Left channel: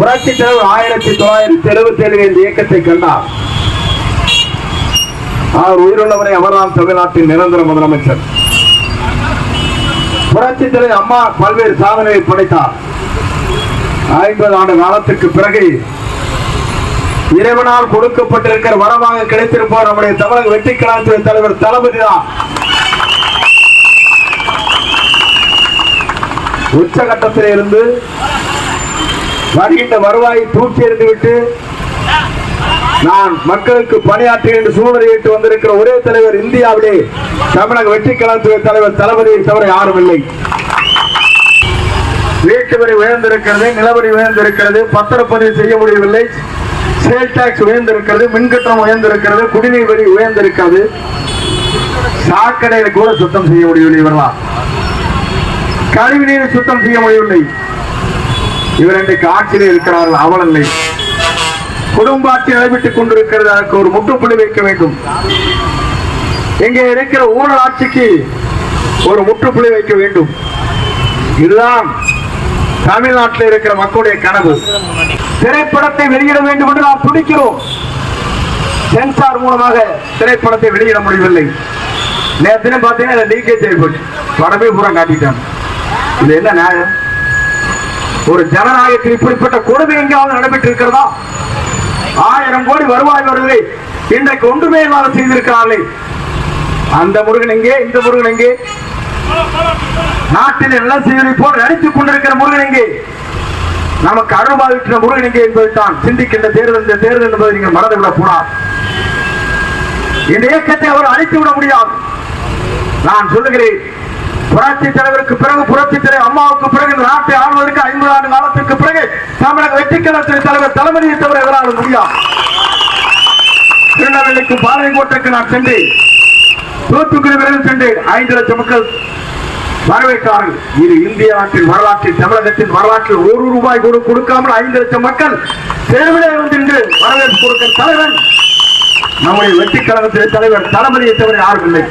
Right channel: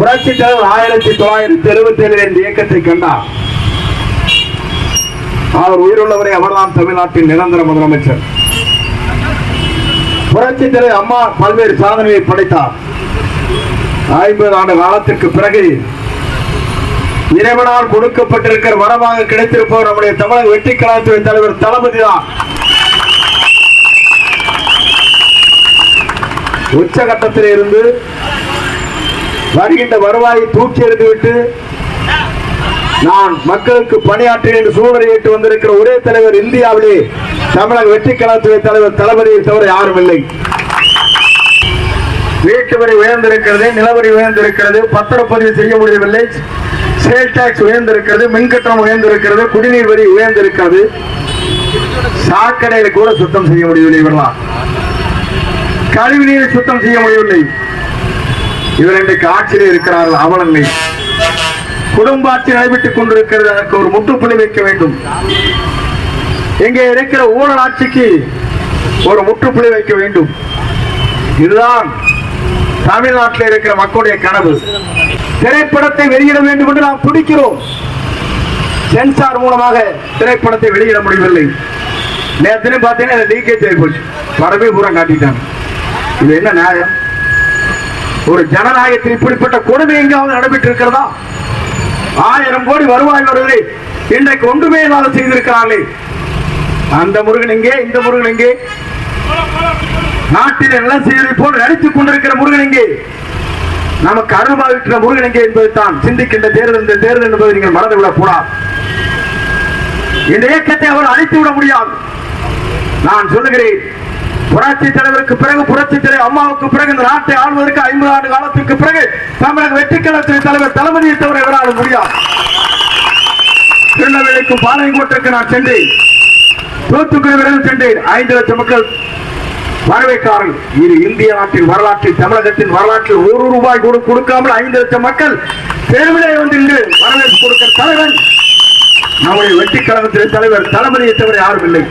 புரட்சி தலைவர் 1977 இந்த இயக்கத்தை கண்டார். அவர் உயிருள்ளவரை அவர்தான் தமிழ்நாட்டின் நிரந்தர முதலமைச்சர். புரட்சி தலைவர் அம்மா பல்வேறு சாதனைகளை படைத்தார். 50 ஆண்டு காலத்திற்கு பிறகு இறைவனால் கொடுக்கப்பட்டிருக்கிற வரமாக கிடைத்திருப்பவர் நம்முடைய தமிழக வெற்றி கழகத்துறை தலைவர் தளபதி தான். உச்சகட்டத்தில் இருந்து வருகின்ற வருவாயை தூக்கி எறிந்துவிட்டு நான் மக்களுக்கு பணியாற்றி என்று சூழ்நிலையிட்டு வந்திருக்கிற ஒரே தலைவர் இந்தியாவிலே தமிழக வெற்றி கழகத்துறை தலைவர் தளபதியை தவிர யாரும் இல்லை. வீட்டு வரி உயர்ந்திருக்கிறது, நிலவரி உயர்ந்திருக்கிறது, பத்திரப்பதிவு செய்ய முடியவில்லை, சேல் டாக்ஸ் உயர்ந்திருக்கிறது, மின்கட்டணம் உயர்ந்திருக்கிறது, குடிநீர் வரி உயர்ந்திருக்கிறது, சாக்கடைகளை கூட சுத்தம் செய்ய முடியவில்லை. இவர்களால் கழிவுநீரை சுத்தம் செய்ய முடியவில்லை. இவர் இன்றைக்கு ஆட்சியில் இருக்கிறார்கள், அவலநிலை. குடும்ப ஆட்சி நடைபெற்றுக் கொண்டிருக்கிறது. அதற்கு ஒரு முற்றுப்புள்ளி வைக்க வேண்டும். இங்கே இருக்கிற ஊழல் ஆட்சிக்கு ஒரு முற்றுப்புள்ளி வைக்க வேண்டும். இதுதான் தமிழ்நாட்டில் இருக்கிற மக்களுடைய கனவு. திரைப்படத்தை வெளியிட வேண்டும் என்று நாம் துடிக்கிறோம். சென்சார் மூலமாக திரைப்படத்தை வெளியிட முடியவில்லை. நேரத்தினே பார்த்தீங்கன்னா லீக்கேஜ் ஆகி போச்சு, படமே பூரா காட்டிட்டாங்க. இது என்ன நியாயம்? ஒரு ஜனநாயகத்தில் இப்படிப்பட்ட கொடுமை எங்காவது நடைபெற்று இருக்கிறதா? 1000 கோடி வருவாய் வருவதை இன்றைக்கு ஒன்றுமே இல்லாமல் செய்திருக்கிறார்களே. அந்த முருகன் எங்கே? இந்த முருகன் எங்கே? நாட்டில் நிலம் செய்வதை போல் நடித்துக் கொண்டிருக்கிற முருகன் எங்கே? நமக்கு அருள்பாவிக்கிற முருகன் எங்கே என்பதைத்தான் சிந்திக்கின்ற தேர்தல். இந்த தேர்தல் என்பதை நீங்கள் மறந்துவிடக் கூடாது. இந்த இயக்கத்தை அவர் அழித்து விட முடியாது. நான் சொல்லுகிறேன், புரட்சி தலைவருக்கு பிறகு, புரட்சி தலைவர் அம்மாவுக்கு பிறகு இந்த நாட்டை ஆளுவதற்கு 50 ஆண்டு காலத்திற்கு பிறகு தமிழக வெற்றி கழகத்துறை தலைவர் தளபதியை தவிர இவரால் முடியாது. திருநெல்வேலிக்கு பாளையங்கோட்டைக்கு நான் சென்றேன், தூத்துக்குடி வரையில் சென்றேன். 5 லட்சம் மக்கள் வரவேற்றார்கள். இது இந்திய நாட்டின் வரலாற்றில், தமிழகத்தின் வரலாற்றில் ₹1 கூட கொடுக்காமல் 5 லட்சம் மக்கள் தேர்விலே வந்து இன்று வரவேற்பு கொடுக்கிற தலைவன் நம்முடைய வெற்றி கழகத்துறை தலைவர் தளபதியை தவிர யாரும் இல்லை.